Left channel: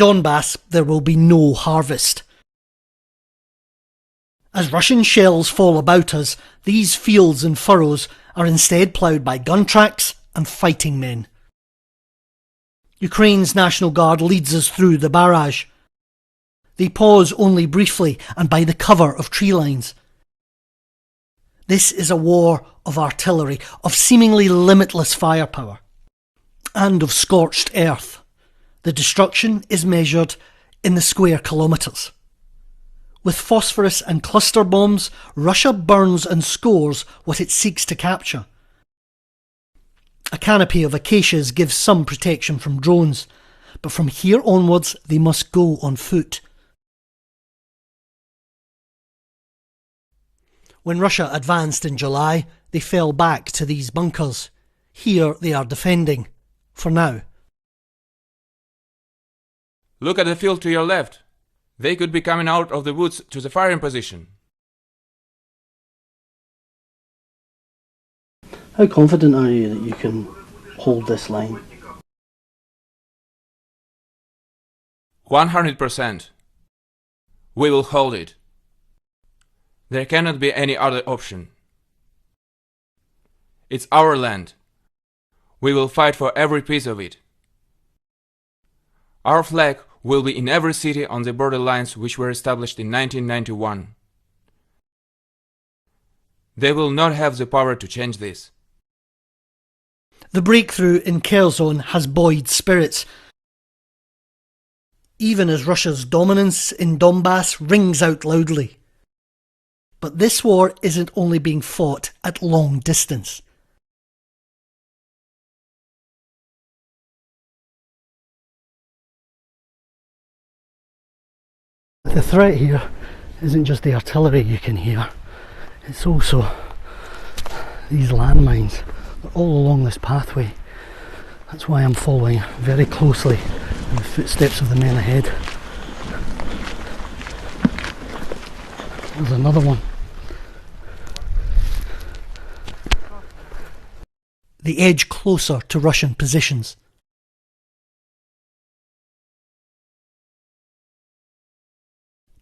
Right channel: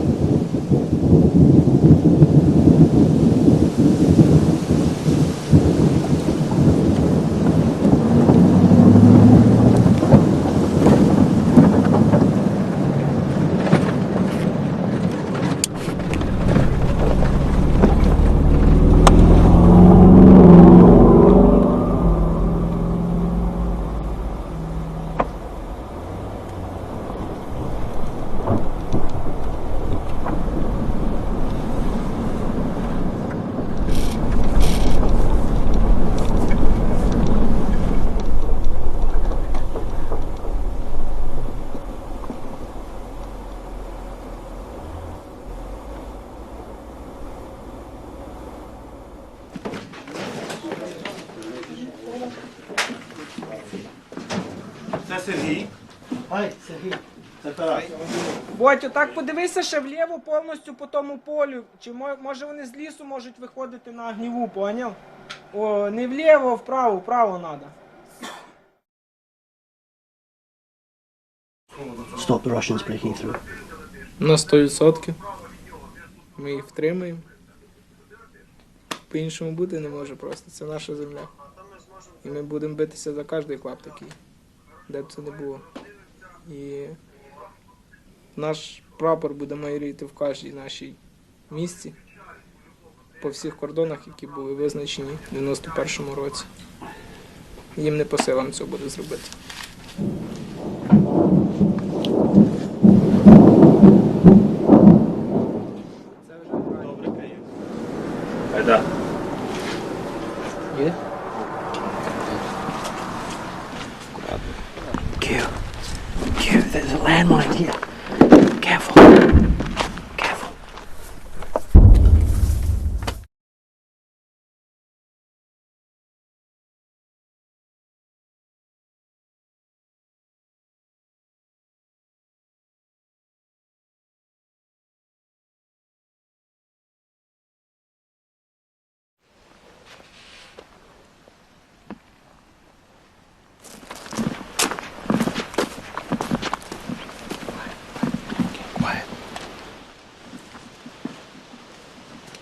Donbas, there will be no harvest. As Russian shells fall about us, these fields and furrows are instead ploughed by gun tracks and fighting men. Ukraine's National Guard leads us through the barrage. They pause only briefly and by the cover of tree lines. This is a war of artillery, of seemingly limitless firepower, and of scorched earth. The destruction is measured in the square kilometres. With phosphorus and cluster bombs, Russia burns and scores what it seeks to capture. A canopy of acacias gives some protection from drones, but from here onwards they must go on foot. When Russia advanced in July, they fell back to these bunkers. Here they are defending, for now. Look at the field to your left. They could be coming out of the woods to the firing position. How confident are you that you can hold this line, stop the Russians breaking through? 100%. We will hold it. There cannot be any other option. It's our land. We will fight for every piece of it. Our flag will be in every city on the borderlines which were established in 1991. They will not have the power to change this. The breakthrough in Kherson has buoyed spirits, even as Russia's dominance in Donbas rings out loudly. But this war isn't only being fought at long distance. Q, there's a landmine here. Careful. Careful. The threat here isn't just the artillery you can hear, it's also these landmines all along this pathway. That's why I'm following very closely in the footsteps of the men ahead. There's another one. They edge closer to Russian positions. Quiet.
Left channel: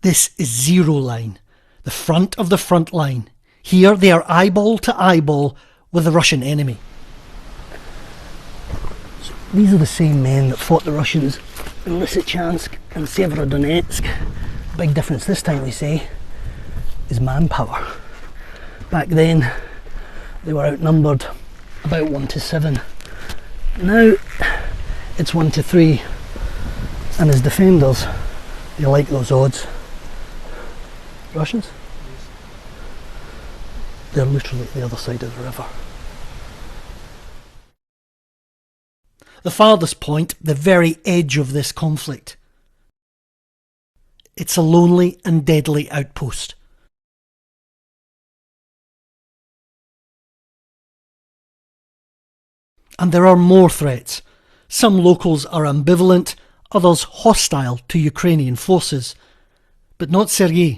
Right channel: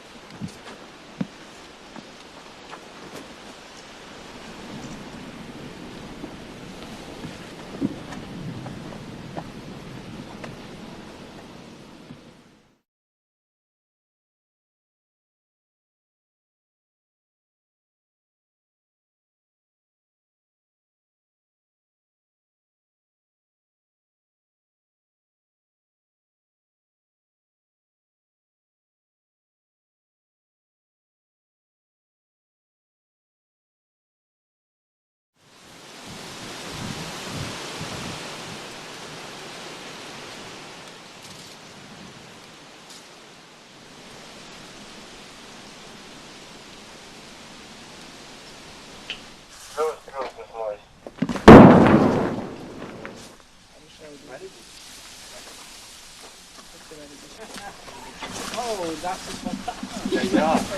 This is zero line, the front of the front line. Here they are eyeball to eyeball with the Russian enemy. So these are the same men that fought the Russians in Lysychansk and Severodonetsk. Big difference this time, they say, is manpower. Back then they were outnumbered about 1 to 7. Now it's 1 to 3, and as defenders they like those odds. Russians? They're literally at the other side of the river. The farthest point, the very edge of this conflict. It's a lonely and deadly outpost. And there are more threats. Some locals are ambivalent, others hostile to Ukrainian forces. But not Sergei.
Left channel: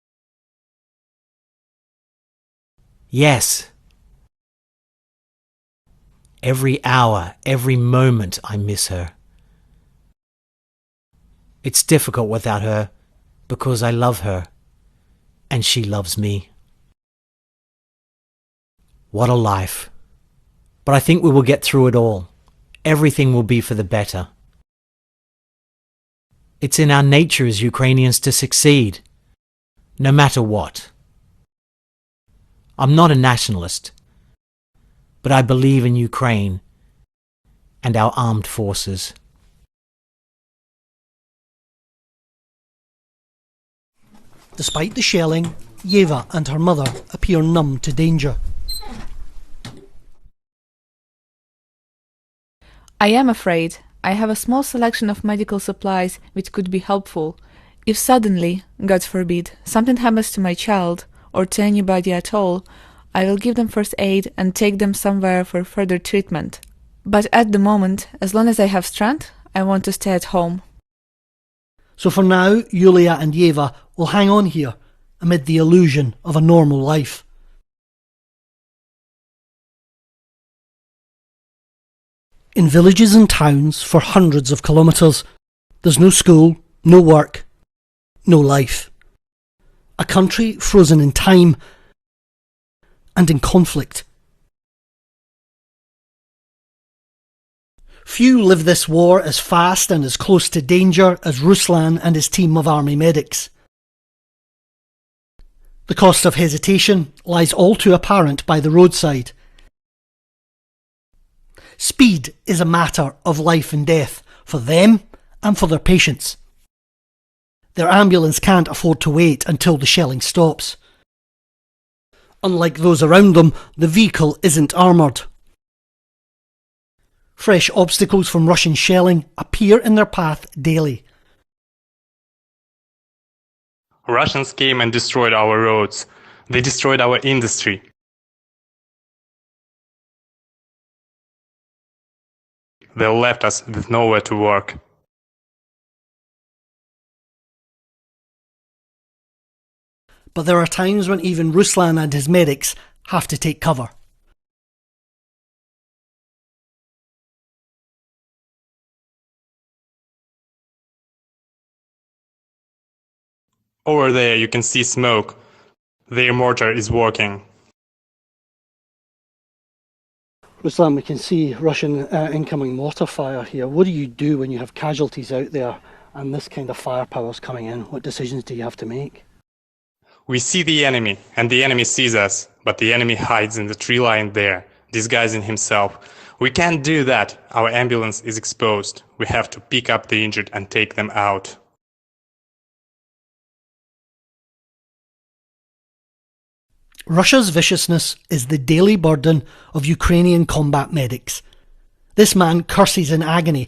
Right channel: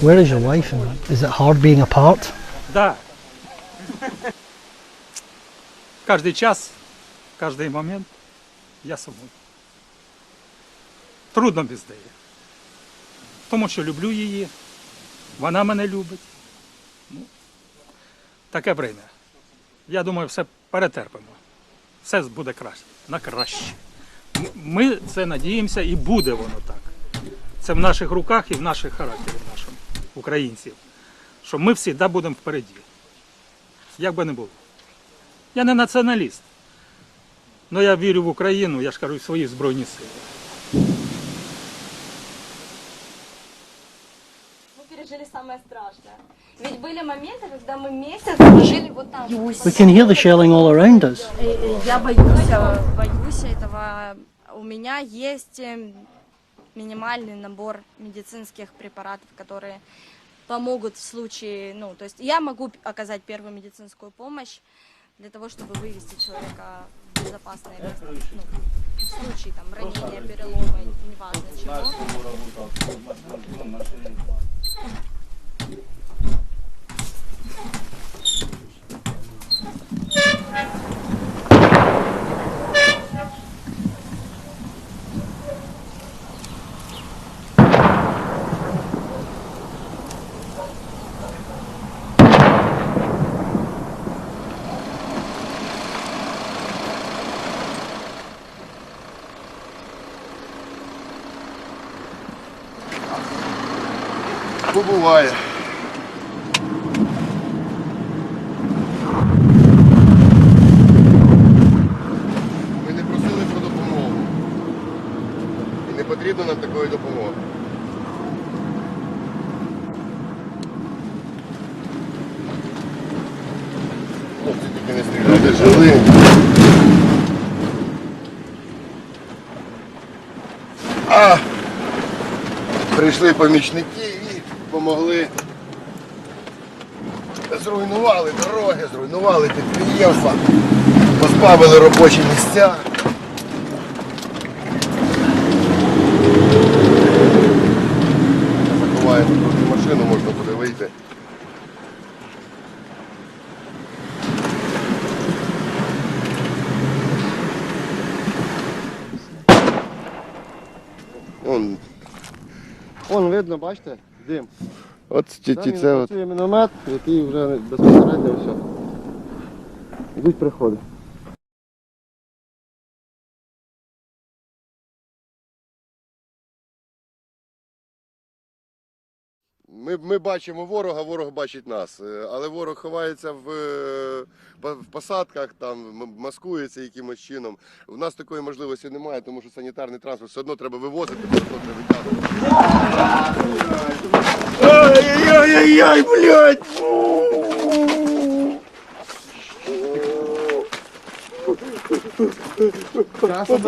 Where is your wife? Is it hard being apart? Yes. Every hour, every moment I miss her. It's difficult without her, because I love her, and she loves me. What a life. But I think we will get through it all. Everything will be for the better. It's in our nature as Ukrainians to succeed, no matter what. I'm not a nationalist, but I believe in Ukraine and our armed forces. Despite the shelling, Yeva and her mother appear numb to danger. We can hear the shelling all around us. I am afraid. I have a small selection of medical supplies which could be helpful. If suddenly, God forbid, something happens to my child or to anybody at all, I will give them first aid and take them somewhere for further treatment. But at the moment, as long as I have strength, I want to stay at home. So for now, Yulia and Yeva will hang on here amid the illusion of a normal life. in villages and towns for hundreds of kilometres. There's no school, no work, no life. A country frozen in time and in conflict. Few live this war as fast and as close to danger as Ruslan and his team of army medics. The cost of hesitation lies all too apparent by the roadside. Speed is a matter of life and death for them and for their patients. Their ambulance can't afford to wait until the shelling stops. Unlike those around them, the vehicle isn't armoured. Fresh obstacles from Russian shelling appear in their path daily. Russians came and destroyed our roads. They destroyed our industry. They left us with nowhere to work. But there are times when even Ruslan and his medics have to take cover. Over there you can see smoke. Their mortar is working. Ruslan, we can see Russian incoming mortar fire here. What do you do when you have casualties out there and this kind of firepower is coming in? What decisions do you have to make? We see the enemy, and the enemy sees us, but the enemy hides in the tree line there, disguising himself. We can't do that. Our ambulance is exposed. We have to pick up the injured and take them out. Russia's viciousness is the daily burden of Ukrainian combat medics. This man curses in agony